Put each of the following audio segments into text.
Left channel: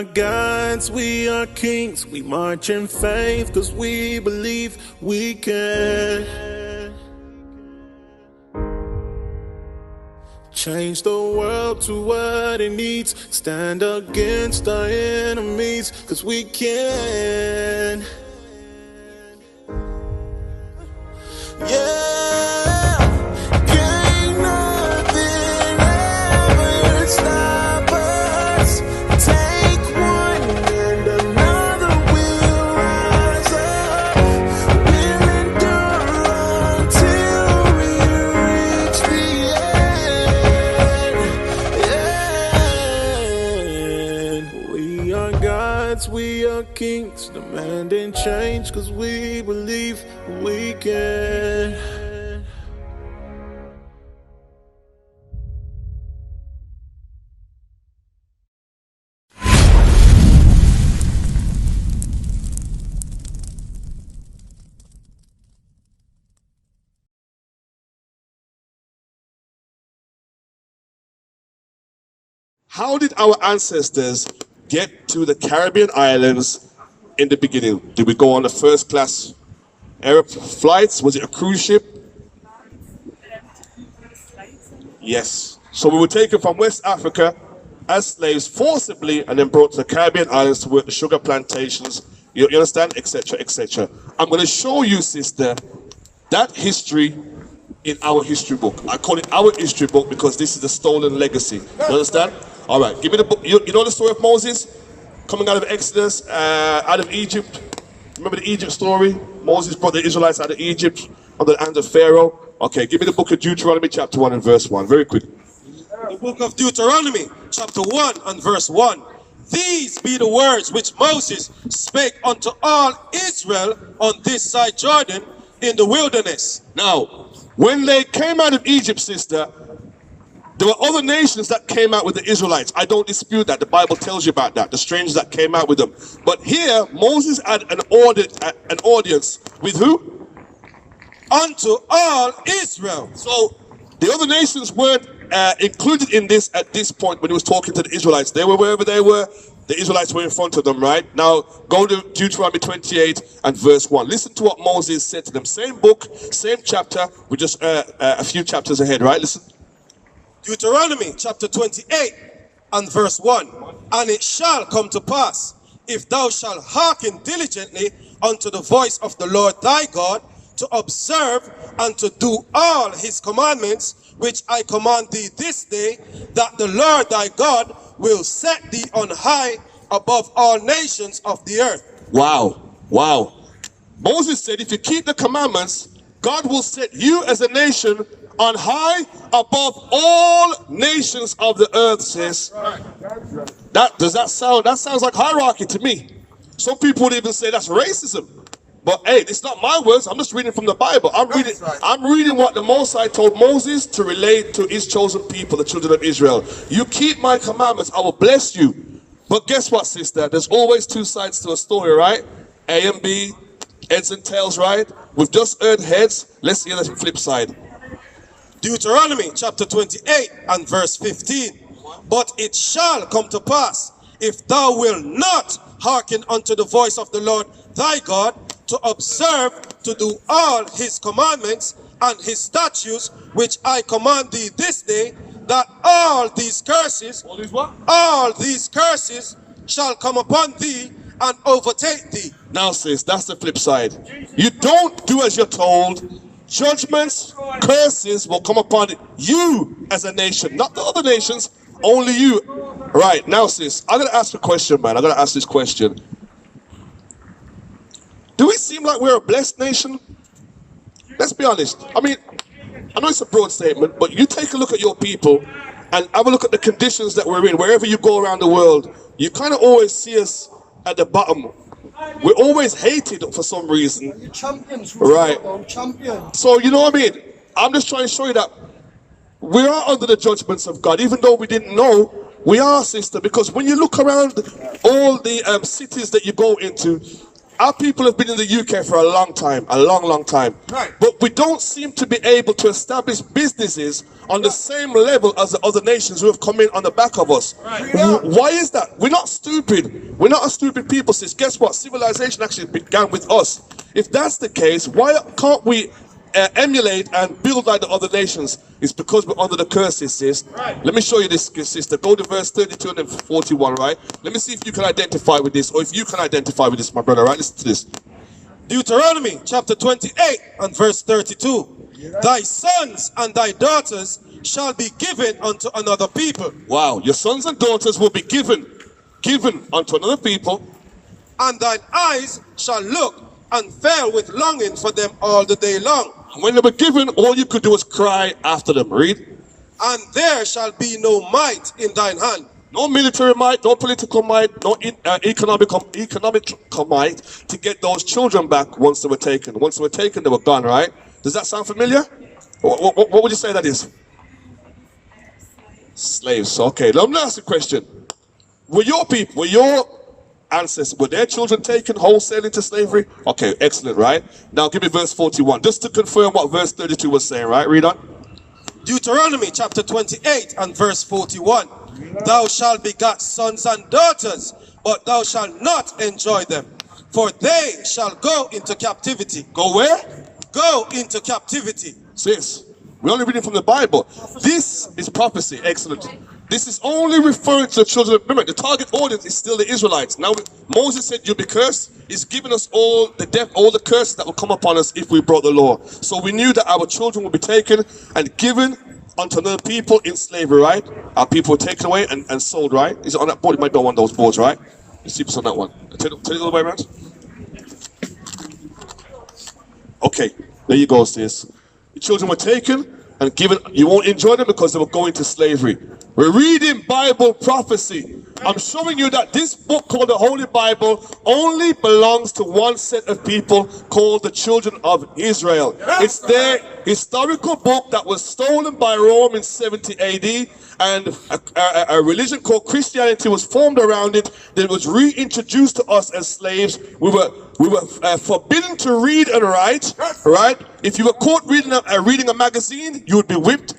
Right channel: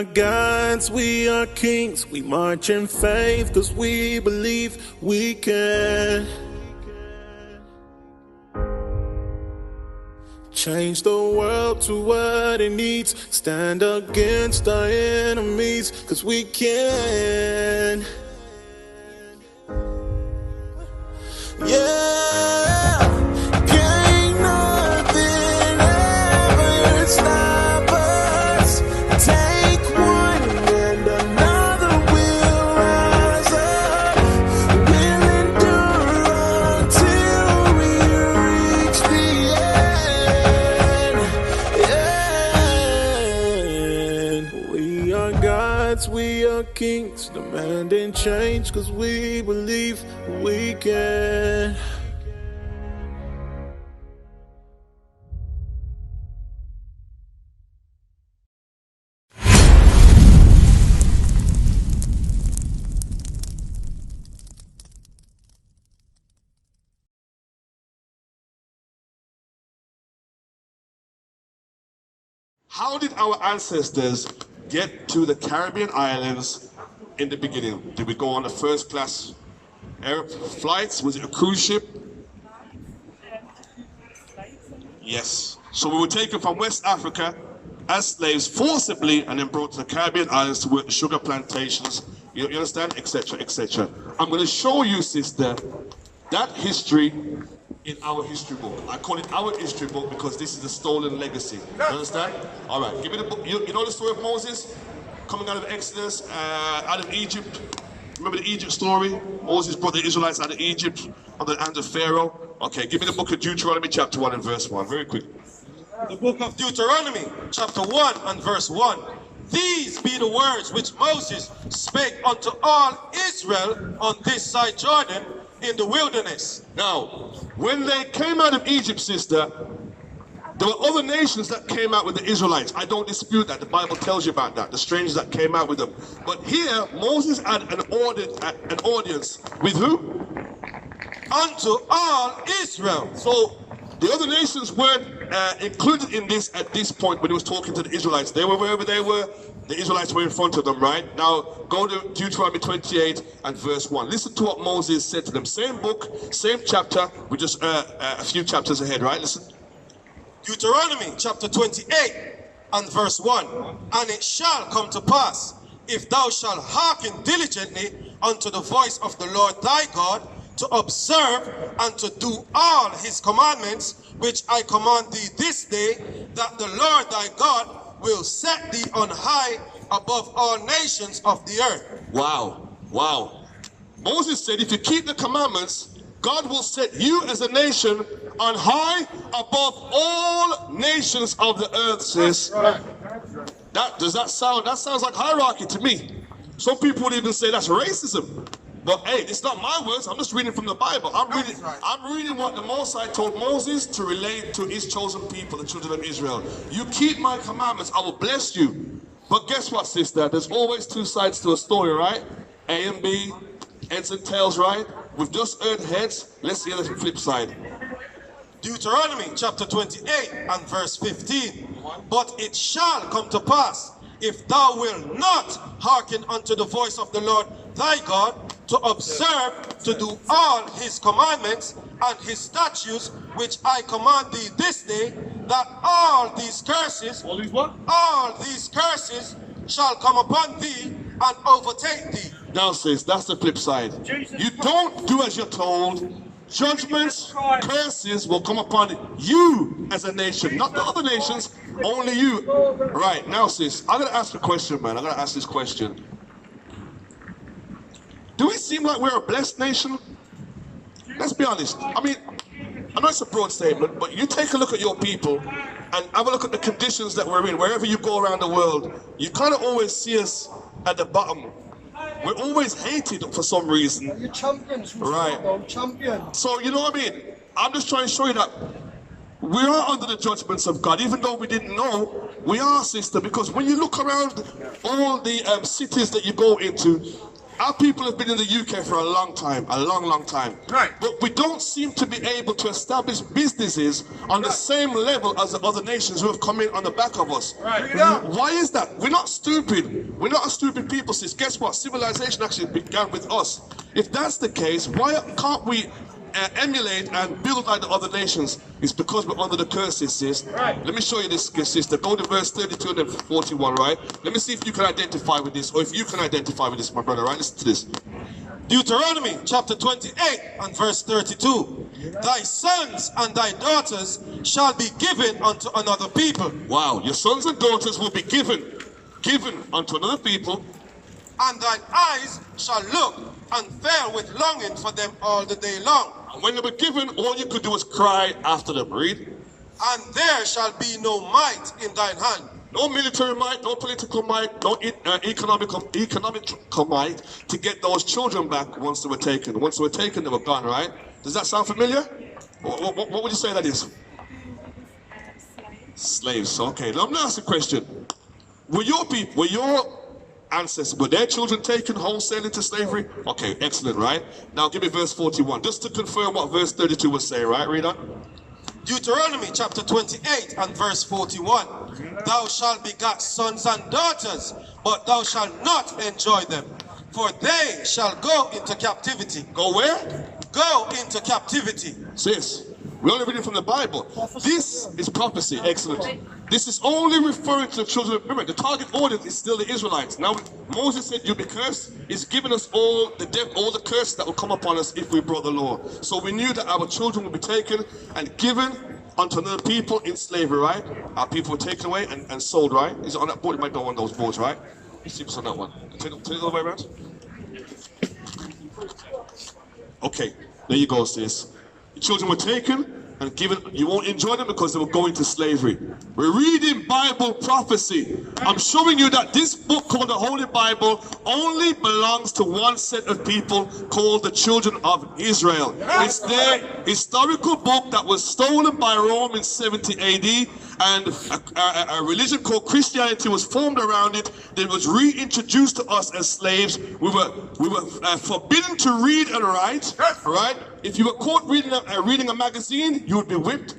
are gods, we are kings. We march in faith cause we believe we can change the world to what it needs. Stand against our enemies cause we can. Yeah, can't nothing ever stop us. Take one and another will rise up. We'll endure until we reach the end. We are gods, we are kings, demanding change cause we believe we can. How did our ancestors get to the Caribbean islands in the beginning? Did we go on a first class air flights? Was it a cruise ship? Yes. So we were taken from West Africa as slaves forcibly and then brought to the Caribbean islands to work the sugar plantations, you understand, etc., etc. I'm going to show you, sister, that history in our history book. I call it our history book because this is the stolen legacy. You understand? All right, give me the book. You know the story of Moses coming out of Exodus, out of Egypt? Remember the Egypt story? Moses brought the Israelites out of Egypt under the hand of Pharaoh. Okay, give me the book of Deuteronomy chapter 1 and verse 1, very quick. The book of Deuteronomy chapter 1 and verse 1. These be the words which Moses spake unto all Israel on this side Jordan in the wilderness. Now, when they came out of Egypt, sister, there were other nations that came out with the Israelites. I don't dispute that. The Bible tells you about that. The strangers that came out with them. But here, Moses had an audience with who? Unto all Israel. So the other nations weren't included in this at this point when he was talking to the Israelites. They were wherever they were. The Israelites were in front of them, right? Now, go to Deuteronomy 28 and verse 1. Listen to what Moses said to them. Same book, same chapter, with just a few chapters ahead, right? Listen. Deuteronomy chapter 28 and verse 1. And it shall come to pass, if thou shalt hearken diligently unto the voice of the Lord thy God, to observe and to do all his commandments, which I command thee this day, that the Lord thy God will set thee on high above all nations of the earth. Wow, wow. Moses said, if you keep the commandments, God will set you as a nation on high above all nations of the earth, sis. Does that sounds like hierarchy to me. Some people would even say that's racism. But hey, it's not my words. I'm just reading from the Bible. I'm reading what the Most High told Moses to relate to his chosen people, the children of Israel. You keep my commandments, I will bless you. But guess what, sister? There's always two sides to a story, right? A and B, heads and tails, right? We've just heard heads. Let's see the flip side. Deuteronomy chapter 28 and verse 15. But it shall come to pass, if thou wilt not hearken unto the voice of the Lord thy God, to observe to do all his commandments and his statutes, which I command thee this day, that all these curses, all these curses shall come upon thee and overtake thee. Now, sis, that's the flip side. You don't do as you're told. Judgments, curses will come upon you as a nation, not the other nations, only you. Right, now, sis, I'm going to ask a question, man. I'm going to ask this question. Do we seem like we're a blessed nation? Let's be honest. I mean, I know it's a broad statement, but you take a look at your people and have a look at the conditions that we're in. Wherever you go around the world, you kind of always see us at the bottom. We're always hated for some reason. You're champions. Right. Champions. So, you know what I mean? I'm just trying to show you that we are under the judgments of God. Even though we didn't know, we are, sister. Because when you look around all the cities that you go into, our people have been in the UK for a long time, a long time. Right. But we don't seem to be able to establish businesses on the same level as the other nations who have come in on the back of us. Right. Why is that? We're not stupid. We're not a stupid people, sis. Guess what? Civilization actually began with us. If that's the case, why can't we emulate and build like the other nations? It's because we're under the curses, sis. Right. Let me show you this, sister. Go to verse 32 and then 41, right? Let me see if you can identify with this, or if you can identify with this, my brother, right? Listen to this. Deuteronomy chapter 28 and verse 32. Thy sons and thy daughters shall be given unto another people. Wow, your sons and daughters will be given unto another people. And thine eyes shall look and fail with longing for them all the day long. And when they were given, all you could do was cry after them. Read. And there shall be no might in thine hand. No military might, no political might, no economic might to get those children back once they were taken. Once they were taken, they were gone, right? Does that sound familiar? What would you say that is? Slaves. Okay, now I'm going to ask a question. Were your people, were your ancestors, were their children taken wholesale into slavery? Okay, excellent, right? Now give me verse 41, just to confirm what verse 32 was saying, right? Read on. Deuteronomy chapter 28 and verse 41. Thou shalt beget sons and daughters, but thou shalt not enjoy them, for they shall go into captivity. Go where? Go into captivity. Sis, we're only reading from the Bible. This is prophecy. Excellent. This is only referring to the children. Remember, the target audience is still the Israelites. Now, Moses said, "You'll be cursed." He's given us all the death, all the curses that will come upon us if we broke the law. So we knew that our children would be taken and given unto another people in slavery, right? Our people were taken away and sold, right? Is it on that board? It might be on one of those boards, right? Let's see if it's on that one. Turn it the other way around. Okay, there you go, sis. The children were taken and given. You won't enjoy them because they were going to slavery. We're reading Bible prophecy. I'm showing you that this book called the Holy Bible only belongs to one set of people called the children of Israel. It's their historical book that was stolen by Rome in 70 AD, and a religion called Christianity was formed around it. That was reintroduced to us as slaves. We were forbidden to read and write, right? If you were caught reading a magazine, you would be whipped.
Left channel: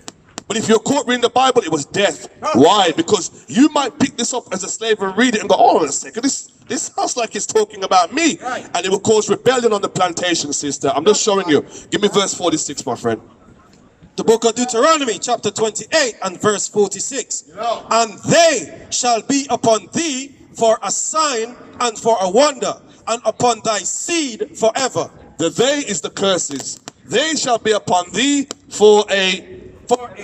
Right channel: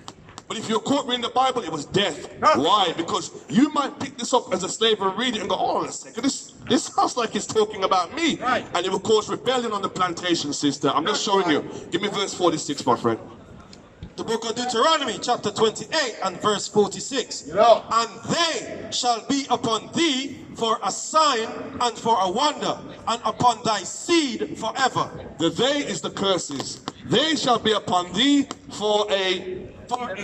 But if you're caught reading the Bible, it was death. Why? Because you might pick this up as a slave and read it and go, "Oh, wait a second, this sounds like it's talking about me." Right. And it will cause rebellion on the plantation, sister. I'm just showing you. Give me verse 46, my friend. The book of Deuteronomy chapter 28 and verse 46. And they shall be upon thee for a sign and for a wonder, and upon thy seed forever. The they is the curses. They shall be upon thee for a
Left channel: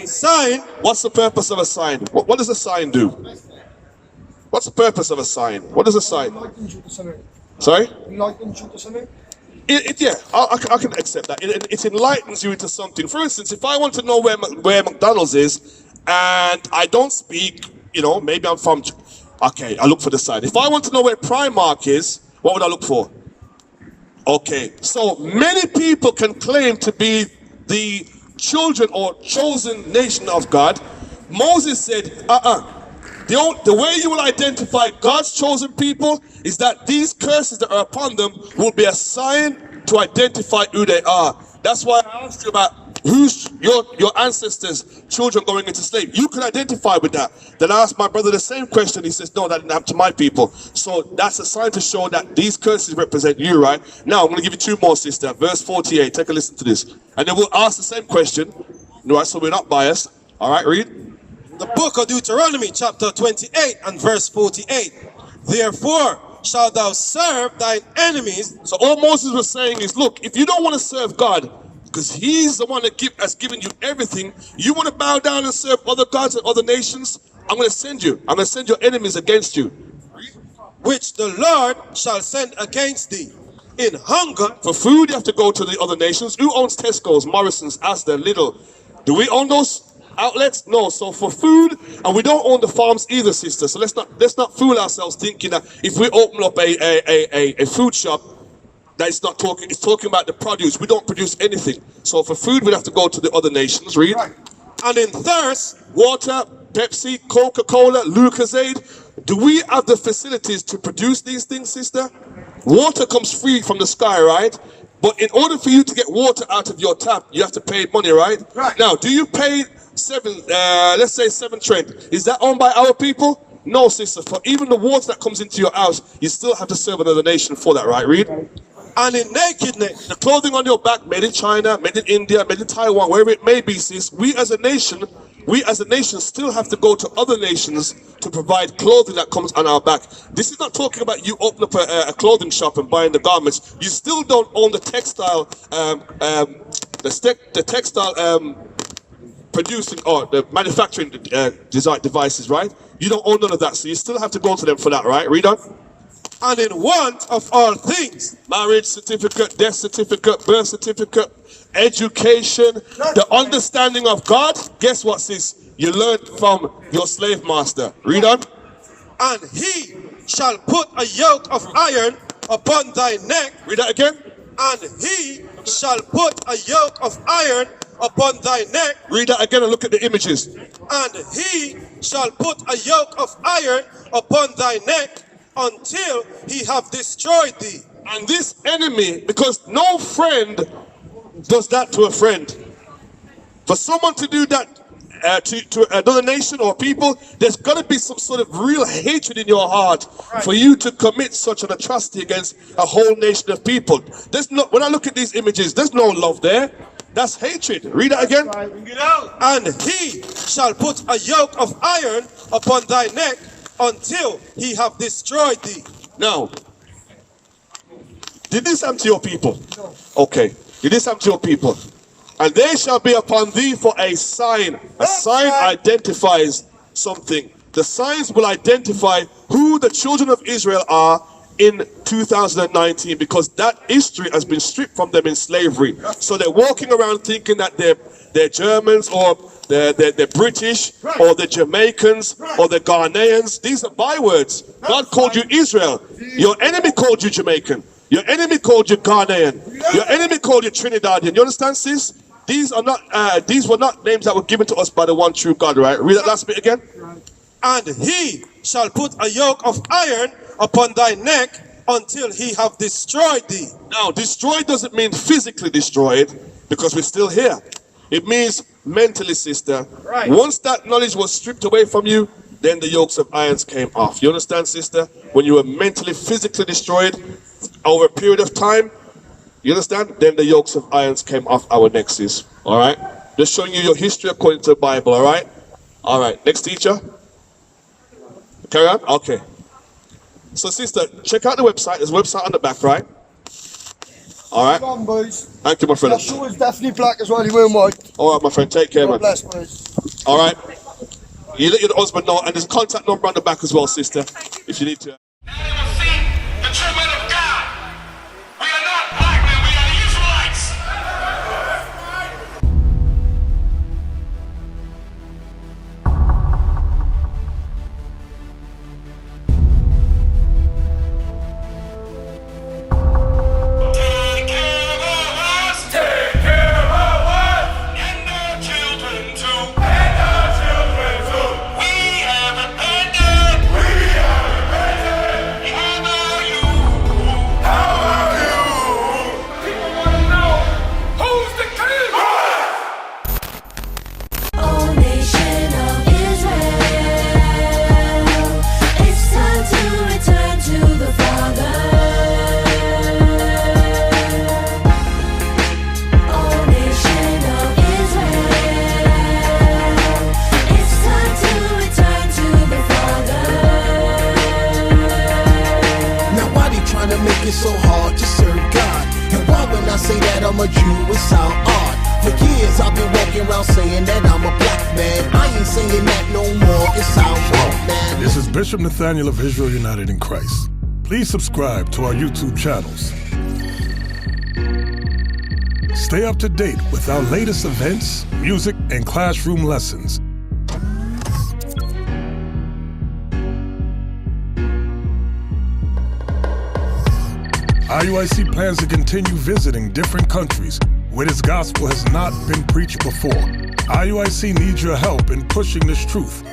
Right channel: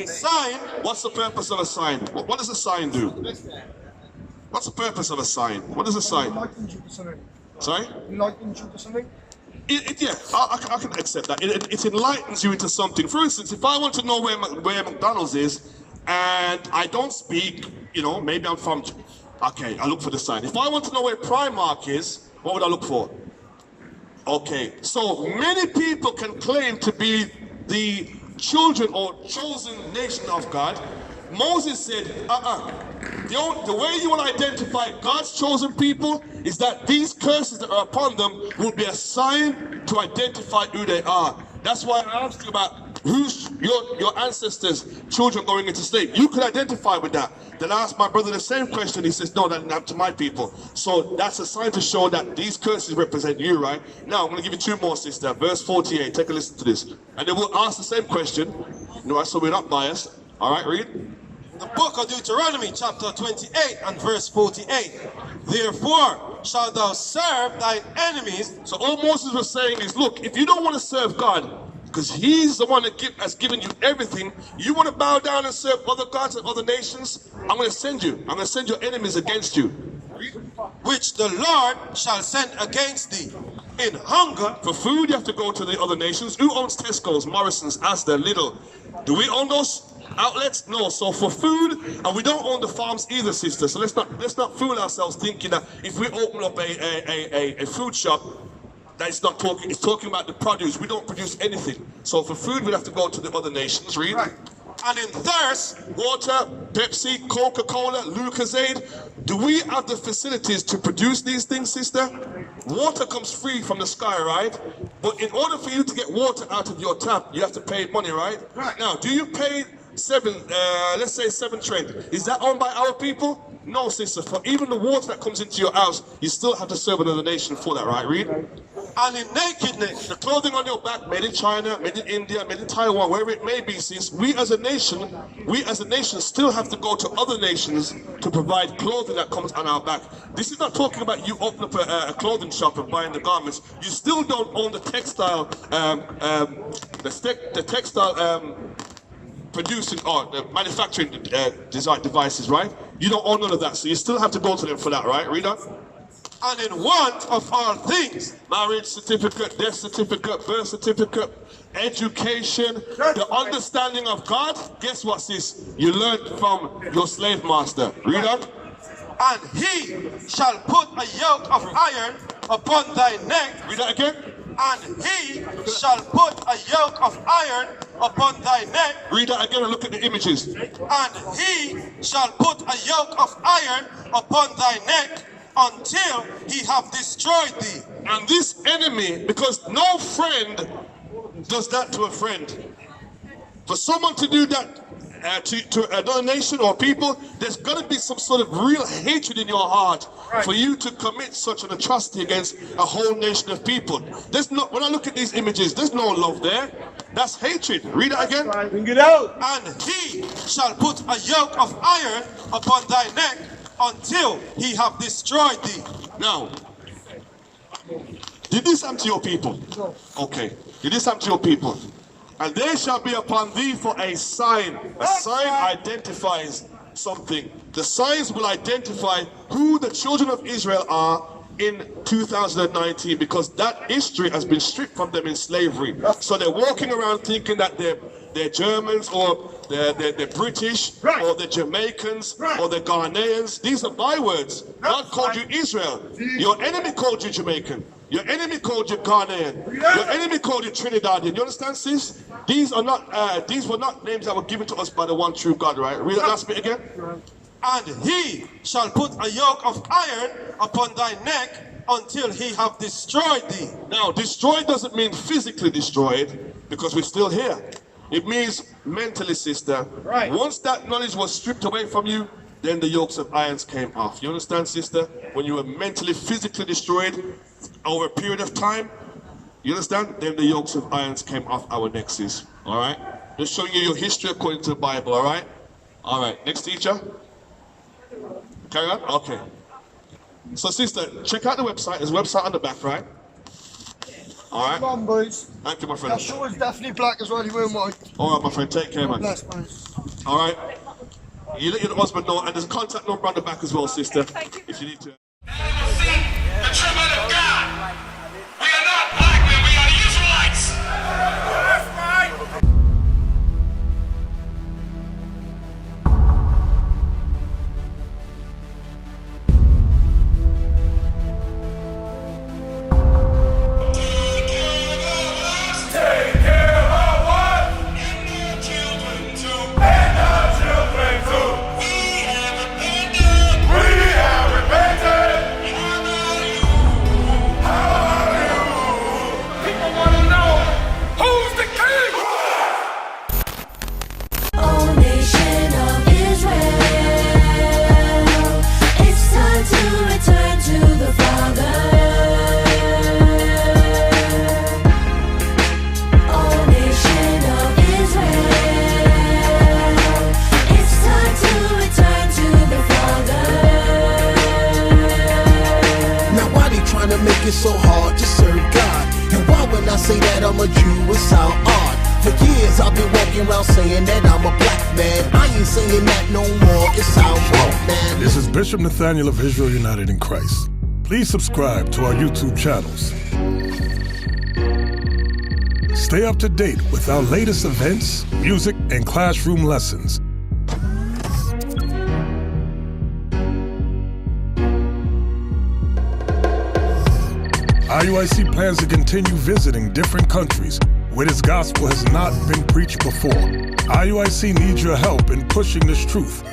sign. What's the purpose of a sign? What does a sign do? What's the purpose of a sign? What is a sign? Sorry? Yeah, I can accept that. It enlightens you into something. For instance, if I want to know where McDonald's is, and I don't speak, maybe I'm from, okay, I look for the sign. If I want to know where Primark is, what would I look for? Okay, so many people can claim to be the children or chosen nation of God. Moses said, the way you will identify God's chosen people is that these curses that are upon them will be a sign to identify who they are. That's why I asked you about who's your ancestors' children going into slavery. You can identify with that. Then I asked my brother the same question. He says, "No, that didn't happen to my people." So that's a sign to show that these curses represent you, right? Now I'm going to give you two more, sister. Verse 48. Take a listen to this. And then we'll ask the same question. Right, so we're not biased. All right, read. The book of Deuteronomy chapter 28 and verse 48. Therefore shalt thou serve thine enemies. So all Moses was saying is, look, if you don't want to serve God, because he's the one that has given you everything, you want to bow down and serve other gods and other nations, I'm going to send you. I'm going to send your enemies against you. Which the Lord shall send against thee. In hunger. For food, you have to go to the other nations. Who owns Tesco's, Morrison's, Asda, Lidl? Do we own those outlets? No. So for food, and we don't own the farms either, sister. So let's not fool ourselves thinking that if we open up a food shop, that it's talking about the produce. We don't produce anything. So for food, we'd have to go to the other nations. Read. Right. And in thirst, water, Pepsi, Coca-Cola, Lucozade. Do we have the facilities to produce these things, sister? water comes free from the sky, right? But in order for you to get water out of your tap, you have to pay money, right? Right. Now, do you pay let's say 7 Trent? Is that owned by our people? No, sister. For even the water that comes into your house, you still have to serve another nation for that, right? Read. And in nakedness, The clothing on your back, made in China, made in India, made in Taiwan, wherever it may be, sis, we as a nation still have to go to other nations to provide clothing that comes on our back. This is not talking about you open up a clothing shop and buying the garments. You still don't own the textile, producing or the manufacturing design devices, right? You don't own none of that, so you still have to go to them for that, right? Read on. and in want of all things. Marriage certificate, death certificate, birth certificate, education, the understanding of God. Guess what, sis? You learned from your slave master. Read on. And he shall put a yoke of iron upon thy neck. Read that again. And he shall put a yoke of iron upon thy neck. Read that again and look at the images. And he shall put a yoke of iron upon thy neck until he have destroyed thee. And this enemy, because no friend does that to a friend. For someone to do that to another nation or people, there's got to be some sort of real hatred in your heart for you to commit such an atrocity against a whole nation of people. There's no, when I look at these images, there's no love there. That's hatred. Read that again. Bring it out. And he shall put a yoke of iron upon thy neck until he have destroyed thee. Now, did this happen to your people? No. Okay. Did this happen to your people? And they shall be upon thee for a sign. A sign identifies something. The signs will identify who the children of Israel are in 2019, because that history has been stripped from them in slavery. So they're walking around thinking that they're Germans or they're British or they're Jamaicans or they're Ghanaians. These are bywords. God called you Israel. Your enemy called you Jamaican. Your enemy called you Ghanaian. Your enemy called you Trinidadian. You understand, sis? These are not. These were not names that were given to us by the one true God. Right? Read that last bit again. And he shall put a yoke of iron upon thy neck until he have destroyed thee. Now, destroyed doesn't mean physically destroyed, because we're still here. It means mentally, sister. Right. Once that knowledge was stripped away from you, then the yokes of irons came off. You understand, sister? When you were mentally, physically destroyed over a period of time, you understand? Then the yokes of irons came off our necks, sis. All right? Just showing you your history according to the Bible, all right? All right, next teacher. Carry on? Okay. So, sister, check out the website. There's a website on the back, right? All right. Come on, boys. Thank you, my friend. That sword's definitely black as well. You weren't white. All right, my friend. Take care, God man. bless, boys. All right. You let your husband know, and there's a contact number on the back as well, sister, if you need to. The treatment of God. We are not black men, we are Israelites. Take care of us. And our children too. We have repented. How are you? People want to know, who's the king? O nation of Israel, it's time to return to the Father. O nation of Israel, it's time to return to the Father. Now why they trying to make it so hard to serve God? And why when I say that I'm a Jew it sound odd? For years I've been walking around saying that I'm a black man. I ain't saying that no more, it sound wrong, man. This is Bishop Nathaniel of Israel United in Christ. Please subscribe to our YouTube channels. Stay up to date with our latest events, music, and classroom lessons. IUIC plans to continue visiting different countries where this gospel has not been preached before. IUIC needs your help in pushing this truth.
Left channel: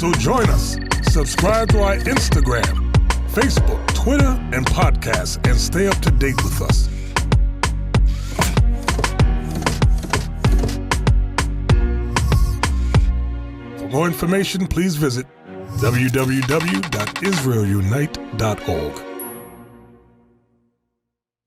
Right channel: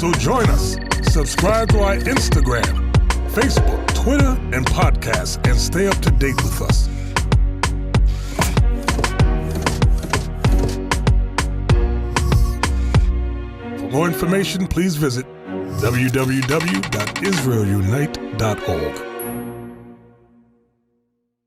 So join us, subscribe to our Instagram, Facebook, Twitter, and podcasts, and stay up to date with us. For more information, please visit www.israelunite.org.